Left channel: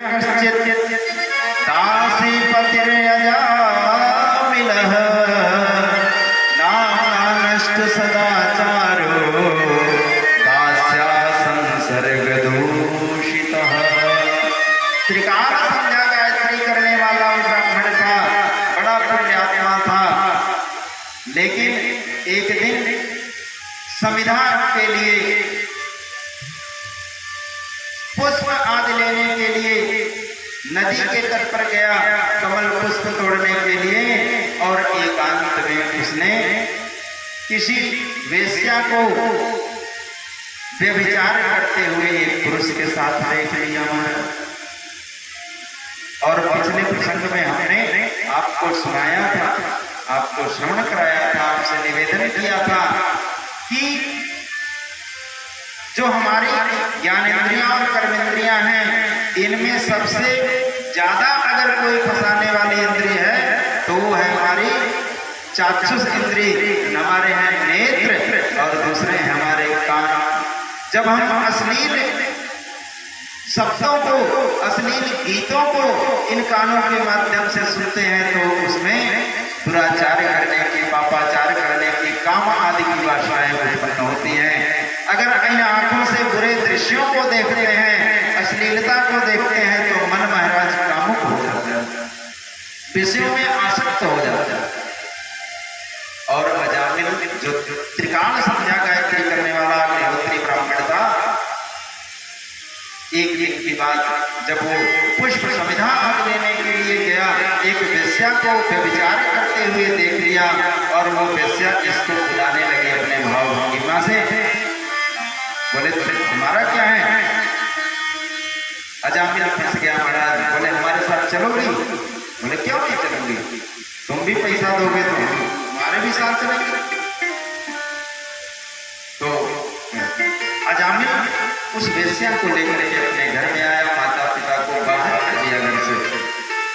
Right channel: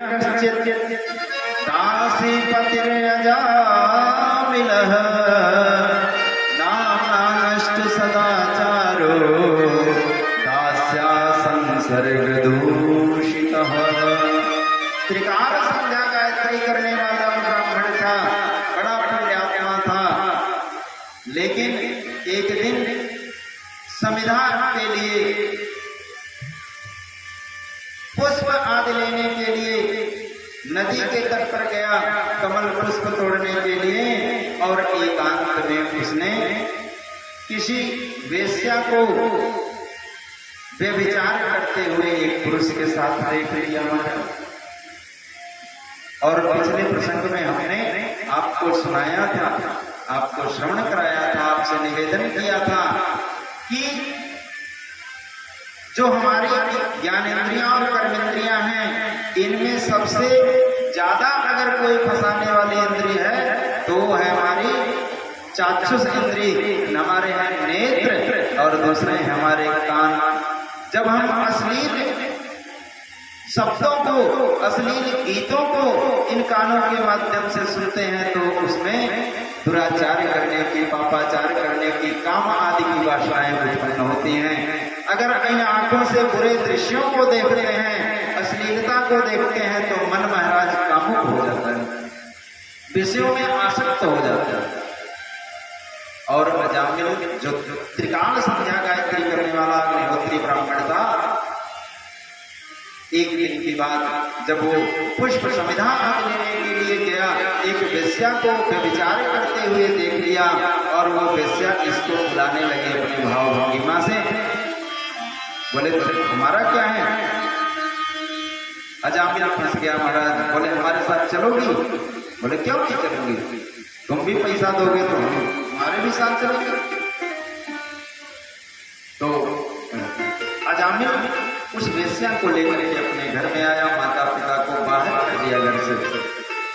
दासीपतिरजामिलः नानानष्ट सदाचारो दास्या संसर्गदूषितः। त्रिकाल संध्या गायत्री करने वाला ब्राह्मण था, बड़ा पुण्यात्मा था, लेकिन एक दिन समिधा के लिए पुष्प आदि लेने के लिए नदी के तट पर गया, कमल पुष्प तोड़ने के लिए, और एकांत में उसने किसी वेश्या को व्यभिचार करते हुए एक पुरुष के साथ देख लिया। और पिछले प्रसंग में हमने आपको सुनाया था, आपको श्रवण कराया था, आपसे निवेदन किया था कि जो हमारी ज्ञानेंद्रियां और कर्मेंद्रियां हैं, इनमें सबसे ज्यादा अगर कोई फंसाने वाली इंद्रिय है तो वो है हमारी चाक्षुष इंद्रिय, हमारे हैं नेत्र, और दूसरे हैं हमारे कान। जब हम अश्लील शब्दों को, अश्लील गीतों को इन कानों के माध्यम से सुनते हैं तो उसमें दुराचार करने की, पापाचार करने की, काम आदि की वासनाएं उत्पन्न होती हैं। अगर इन आंखों से बुरे दृश्यों को देखते हैं, अश्लीलता को देखते हैं, तो मन महाराज कामुक हो जाता है, विषयों में आसक्त हो जाता है। और अजामिल जो त्रिकाल संध्या गायत्री करने वाला अग्निहोत्री ब्राह्मण था, एक दिन की बात जब वो पुष्प समिधा आदि लेने के लिए गया, एक वेश्या को व्यभिचार करते हुए देख लिया, और वो वेश्या इसको बुलाने लगे अपने भाव भंगिमा से। बोले हमारा क्या है? अजामिल फंस गया महाराज। बोले हमारे साथ चलोगी? बोले क्यों नहीं चलोगी, तुम भी पैसा दोगे तो हमारे भी साथ चलेंगे। तो अजामिल उस वेश्या को लेकर के अपने घर में आया, माता पिता को बाहर कर दिया घर से,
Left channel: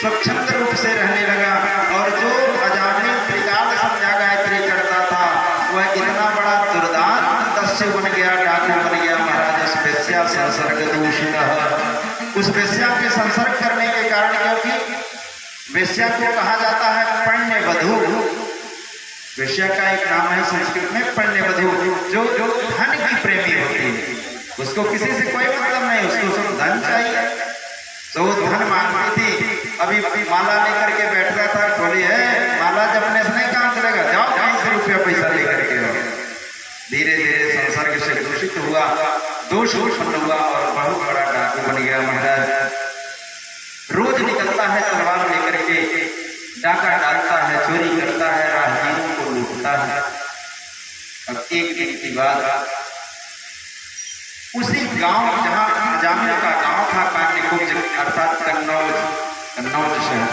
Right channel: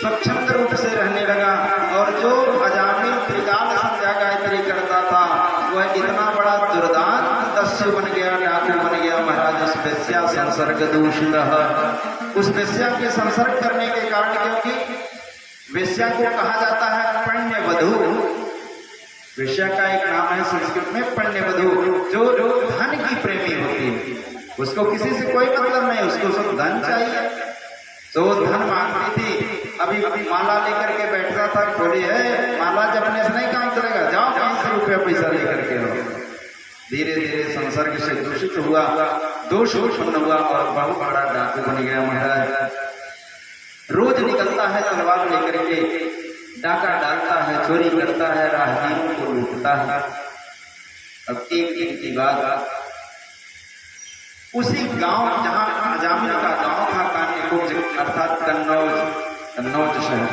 स्वच्छंद रूप से रहने लगा। और जो अजामिल त्रिकाल संध्या गायत्री करता था, वह इतना बड़ा दुर्दांत दस्यु बन गया, डाकू बन गया महाराज। उस वेश्या संसर्ग दूषित, उस वेश्या के संसर्ग करने के कारण, क्योंकि वेश्या को कहा जाता है पण्य वधू, वेश्या का एक नाम है संस्कृत में पण्य वधू, जो धन की प्रेमी होती है। उसको किसी से कोई मतलब नहीं, उसको सिर्फ धन चाहिए, तो धन मांगती थी। अभी माला लेकर के बैठता था, बोली है माला जपने से नहीं काम चलेगा, जाओ कहीं से रुपया पैसा लेकर के आओ। धीरे धीरे संसर्ग से दूषित हुआ, दोष उत्पन्न हुआ, और बहुत बड़ा डाकू बन गया महाराज। रोज निकलता है तलवार लेकर के, डाका डालता है, चोरी करता है, राहगीरों को लूटता है। अब एक दिन की बात, उसी गांव जहां अजामिल का गांव था, कान्यकुब्ज अर्थात कन्नौज शहर,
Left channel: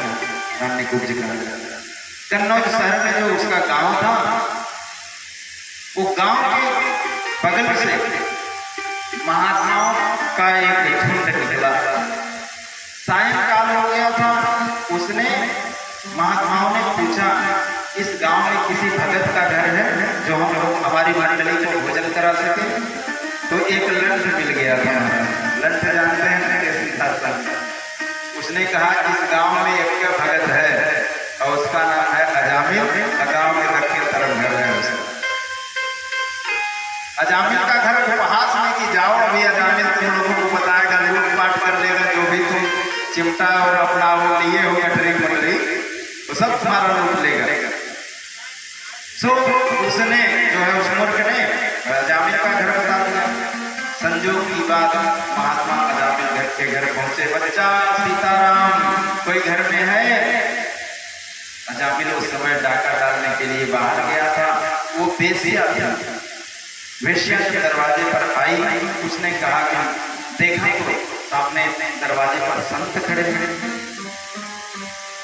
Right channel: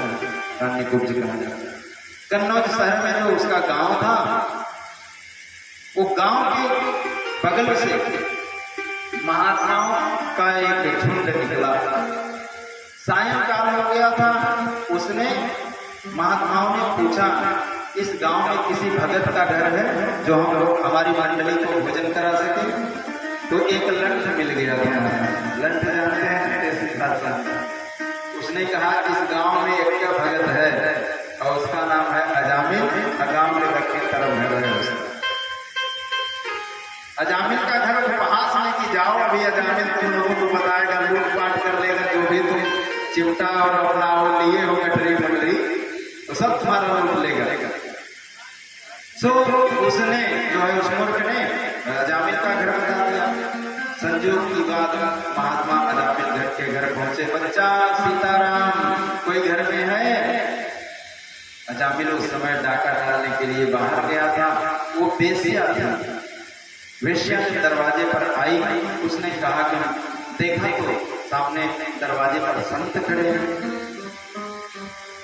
कान्यकुब्ज कहा जाता है। कन्नौज शहर में जो उसका गांव था, वो गांव के बगल से महात्माओं का एक झुंड निकला। सायंकाल हो गया था, उसने महात्माओं ने पूछा इस गांव में किसी भगत का घर है जो हम लोग हमारी मंडली को भोजन करा सके? तो एक लंठ मिल गया था। लंठ जानते हैं कैसी भाषा? उसने कहा इस गांव में एक भगत है और उसका नाम है अजामिल, गांव में दक्षिण तरफ घर है उसका। अजामिल का घर उपहास में कि जाओ अभी अजामिल तुम लोगों को बताएगा, लूटपाट कर लेगा, जो भी तुम चिमटा और अपना वो लिए हो गठरी पटरी, तो सब तुम्हारा लूट लेगा। सो उसने जो है उस मूर्ख ने अजामिल का घर बता दिया। संजोग की बात, महात्मा अजामिल घर के घर पहुंचे। बच्चा सीताराम कोई घर में है? अजामिल उस समय डाका डालने के लिए बाहर गया था। वो वेश्या थी। वेश्या जब दरवाजे पर आई, उसने कहा कि देखा तो सामने दरवाजे पर संत खड़े हैं।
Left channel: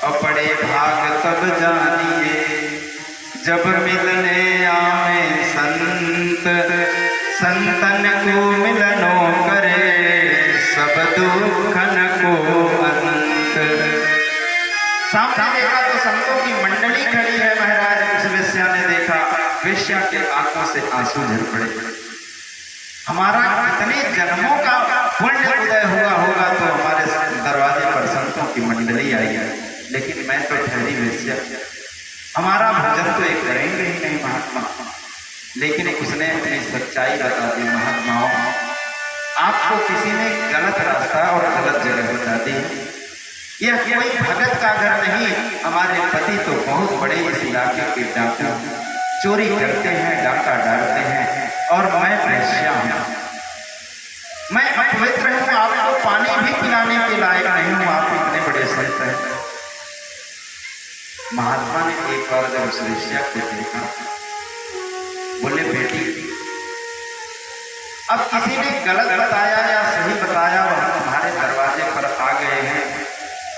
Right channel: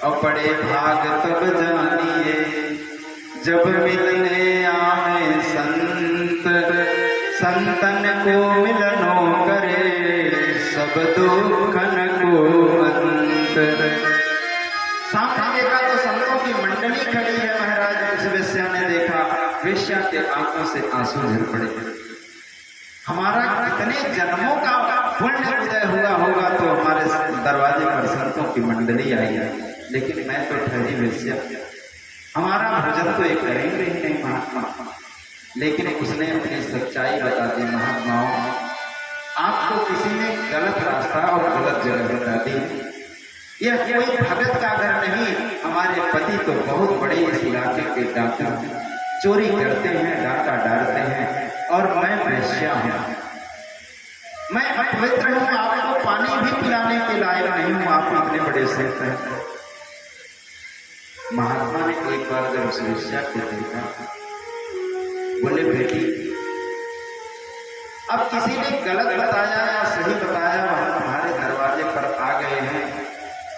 और बड़े भाग तब जानिए जब मिलने आवे संत, संतन को मिलनो करे सब दुखन को अनंत। सामने देखा तो संतों की मंडली खड़ी है महाराज। उस वेश्या ने देखा, वेश्या के आंखों से आंसू झर पड़े। हमारा कितने जन्मों का पुण्य उदय हुआ होगा तो हमारे मैं तो ठहरी वेश्या, हमारा भोजन तो एक करेंगे ही नहीं महात्मा। लेकिन उसने अपनी सच्चाई बता दी, महात्माओं आपको किसी ने गलत रास्ता और गलत जगह बता दी। यह कोई भगत का घर नहीं, हमारे पति तो बहुत बड़े इस इलाके के डाकू, चोरी करते हैं, डाका डालते हैं, और मैं वेश्या हूँ, मैं अपवित्र हूँ, आपको पानी भी पिलाने के लायक नहीं हूँ, आप इतने बड़े संत हैं। महात्मा ने एक बार जब उस वेश्या को देखा, बोले बेटी अब किसी ने गलत बताया या सही बताया, वह तुम्हारे दरवाजे पर आ गए हैं,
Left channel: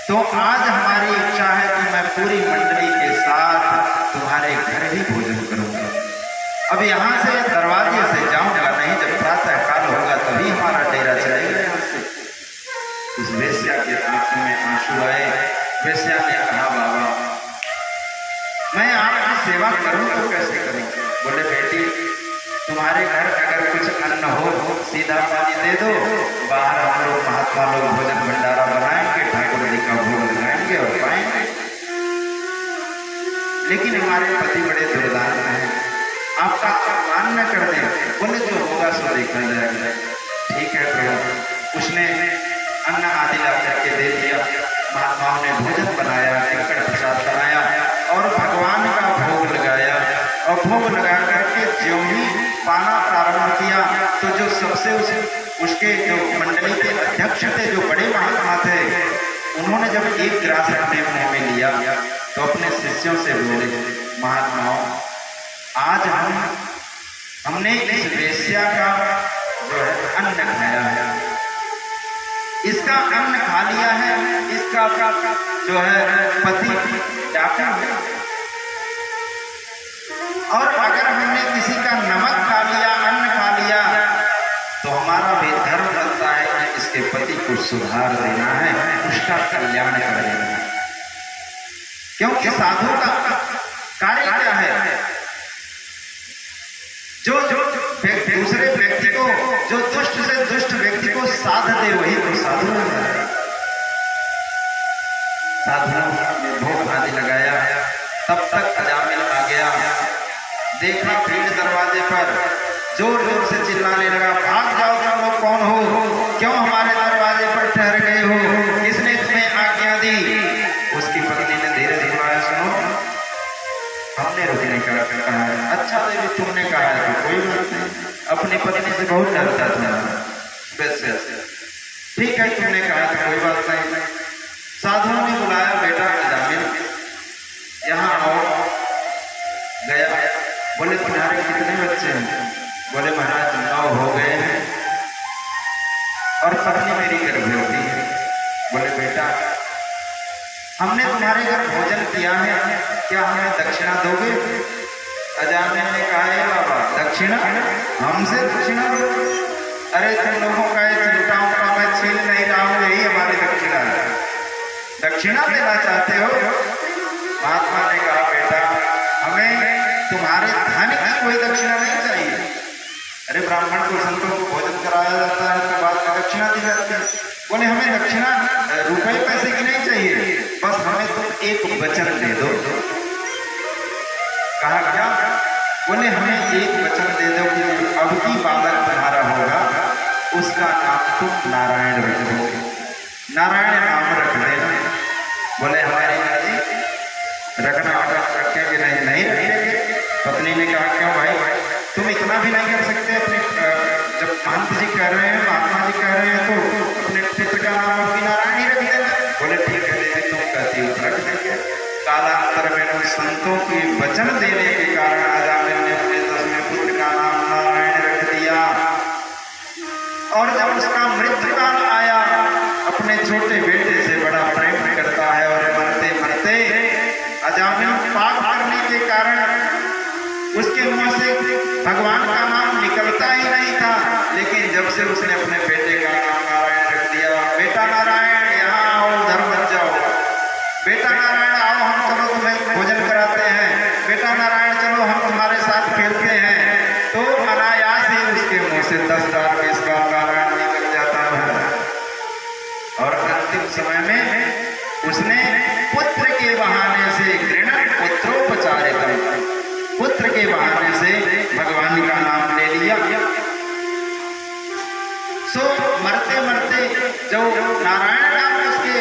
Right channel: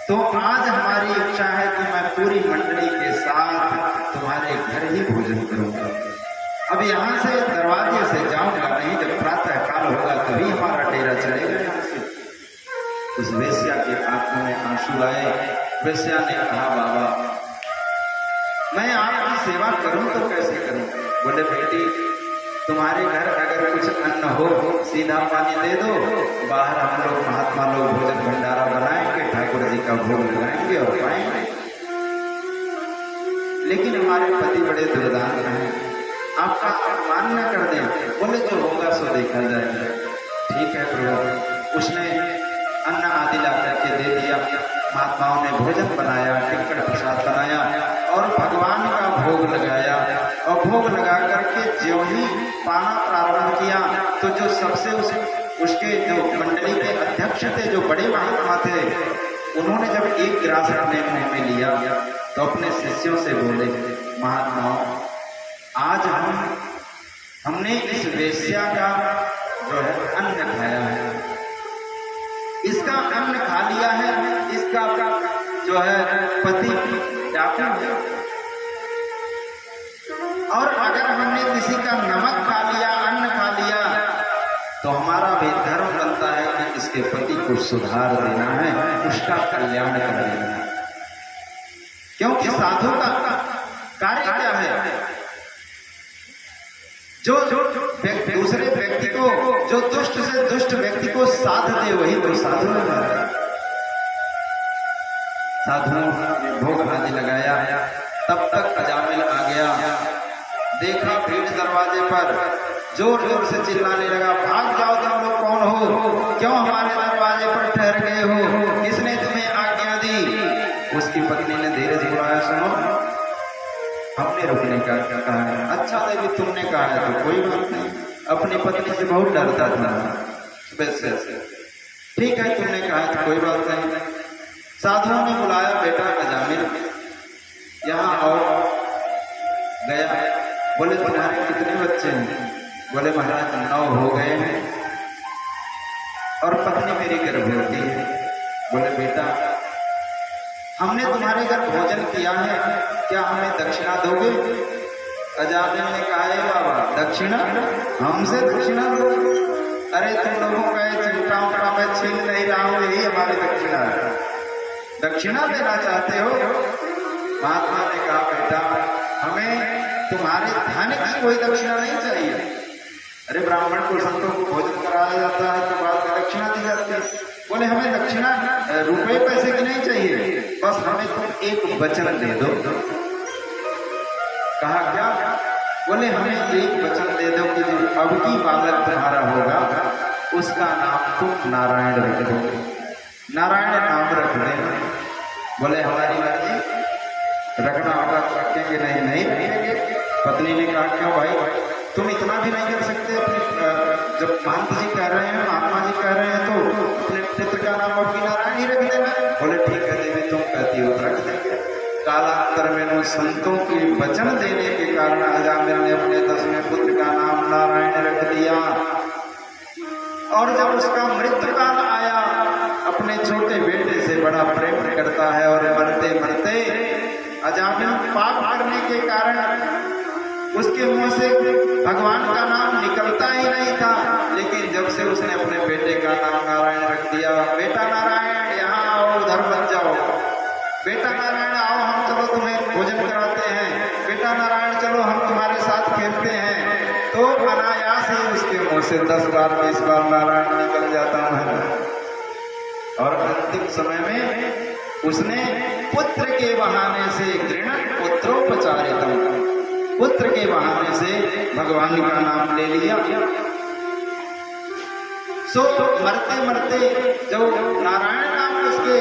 तो आज हमारी इच्छा है कि मैं पूरी मंडली के साथ तुम्हारे घर ही भोजन करूंगा। अब यहाँ से दरवाजे से जाऊंगा नहीं, जब प्रातः काल होगा तभी हमारा डेरा चलेगा यहाँ से। उस वेश्या के आंखों में आंसू आए। वेश्या ने कहा बाबा मैं आपकी सेवा करूं तो कैसे करूं? बोले बेटी तुम्हारे घर अगर कुछ अन्न हो सीधा पानी दे दो, बाहर हम लोग महात्मा लोग भोजन भंडारा बनाएंगे, ठाकुर जी का भोग लगाएंगे और खाएंगे। लेकिन हमारे पति बड़े दुर्दान हैं, आपका अपमान न कर दे। बोले जो होगा सो देखा जाएगा। ठीक है प्रभु। उसने अन्न आदि ला करके दे दिया। महात्माओं ने भोजन बनाया, टिक्कड़ प्रसाद बनाया और भगवान का भोग लगाया। और भोग लगा करके जो ही पाना प्रारंभ किया तो जो सबसे उसके जो मंडली के अध्यक्ष थे, जो बड़े महात्मा थे, उन्होंने जब एक गिलास अपने मुंह में लिया तो अपने शिष्यों से बोले महात्माओं आज हमने इस वेश्या का जो है अन्न खाया है, इसका अन्न खा लिया है, इसका जो है पति डाकू है, और अगर हमने किसी का नमक खा लिया, अन्न खा लिया, तो हमारा भी धर्म बनता है कि इसके पति को सुधार देना है, उसका कल्याण कर देना है। क्योंकि साधु का कार्य क्या है? जो दूसरे व्यक्ति को, जो दुष्ट से दुष्ट व्यक्ति को साध दे वही तो साधु है। साधुओं ने भोग आदि लगाया। तब तक अजामिल आ गया, देखा भीड़ दरवाजे पर, जोर जोर से चिल्लाने लगा भाग जाओ तुम लोग कौन हो, क्यों हमारे दरवाजे पर ठहर गए हो, किसने तुम्हें आज्ञा दी? उसकी पत्नी ने धीरे से कहा सुनो हमने रुकने का कहा है। अच्छा देवी तुमने कहा है तो कोई बात नहीं, अपनी पत्नी से बहुत डरता था। वैसे ठीक है तुमने कहा तो कोई बात नहीं। साधुओं ने बुलाया बेटा अजामिल यहाँ आओ। गया, बोले तुम्हारे कितने बच्चे हैं? बोले महाराज 9 हो गए हैं और पत्नी मेरी गर्भवती है। बोले बेटा हमने तुम्हारे घर भोजन किया है, क्या हमें दक्षिणा दोगे? अजामिल ने कहा बाबा दक्षिणा? हमसे दक्षिणा दोगे? अरे तुम लोगों का चिंता का मैं छीन नहीं रहा हूं, यही हमारी दक्षिणा है, दक्षिणा देना चाहते हो? महात्मा ने कहा बेटा हमें तुम्हारे धन की कोई दक्षिणा नहीं चाहिए। अरे ब्राह्मण को संतों को भोजन कराया जाता है तो बाद में दक्षिणा दी जाती है। बोले हमें दक्षिणा रुपए पैसे की नहीं चाहिए, बस हमें तुम एक वचन दे दो। कहा क्या? बोले हमें एक वचन दे दो कि अब की बालक तुम्हारा होगा उसका नाम तुम नारायण रख दोगे, नारायण नाम रख देना। बोले हमारी मर्जी, रखना होगा रखेंगे, नहीं रखेंगे। पत्नी ने कहा क्यों भाई तुम इतना भी नहीं कर सकते? अपने जब महंत जी कह रहे हैं, महात्मा जी कह रहे हैं तो अपने पुत्र का नाम अपनी नारायण ही रख देना। बोले ठीक है देवी तुम कहती हो रख देंगे। कालांतर में संतों के वचन देने के कारण अजामिल ने अपने 10वें पुत्र का नाम नारायण रख दिया। और जब उसका मृत्यु काल आया, अपने छोटे बेटे से बड़ा प्रेम करता है और मरते मरते अजामिल पाप करने के कारण उसके मुंह से भगवान का नाम निकलता ही नहीं था। लेकिन जब से उसने अपने बेटे का नाम नारायण रख दिया, बेटा नारायण यहाँ आओ, उधर मत जाओ, बेटा नारायण आओ हम चलो तुम्हें भोजन कराते हैं, बेटा नारायण चलो हम तुम्हारे साथ खेलते हैं, तो अनायास ही उसके मुंह से 10 बार 20 बार नारायण निकल जाता है। और अंतिम समय में उसने पुत्र के बहाने से घृणा पुत्रोपचारितम, पुत्र के बहाने से भगवान का नाम ले लिया। सो मरते मरते जो नारायण नाम उसके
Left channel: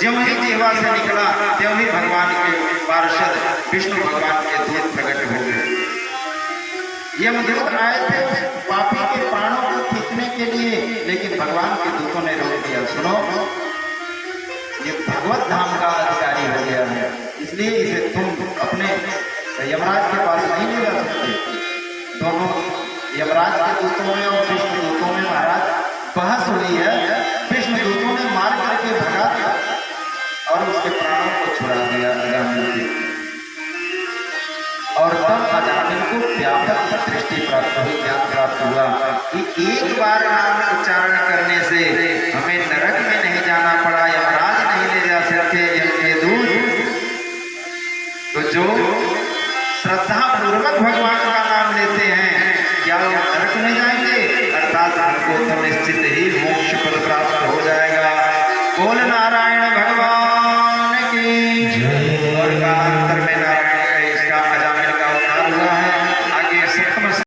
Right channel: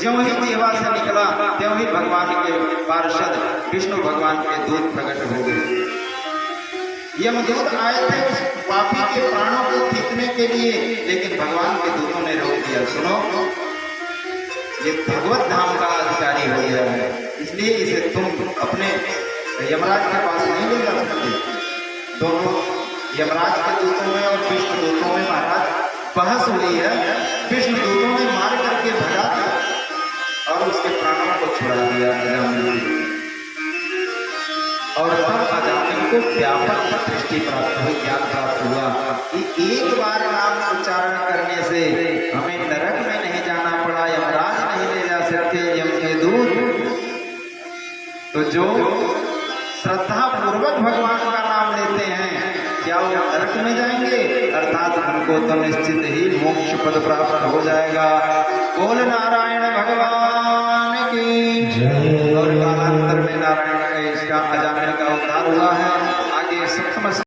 ज्यों ही जीवा से निकला त्यों ही भगवान के पार्षद विष्णु भगवान के दूत प्रकट हो गए। यमदूत आए थे उस पापी के प्राणों को खींचने के लिए, लेकिन भगवान के दूतों ने रोक दिया, सुनो ये भगवत धाम का अधिकारी हो गया है, इसलिए इसे तुम अपने यमराज के पास नहीं ले जा सकते। दोनों यमराज के दूतों में और विष्णु दूतों में महाराज बहस हुई है। विष्णु दूतों ने मार करके भगा दिया और उसके प्राणों को छुड़ा दिया अजामिल, और तब अजामिल को व्यापक दृष्टि प्राप्त हुई, ज्ञान प्राप्त हुआ कि एक बार नाम उच्चारण करने से हमें नरक में नहीं जाना पड़ा, यमराज नहीं ले जा सकते यम के दूत। तो जो श्रद्धा पूर्वक भगवान का नाम लेते हैं क्या वो नरक में जाएंगे, अर्थात हमको तो निश्चित ही मोक्ष पद प्राप्त हो जाएगा। बोल नारायण भगवान की जय। और कालांतर में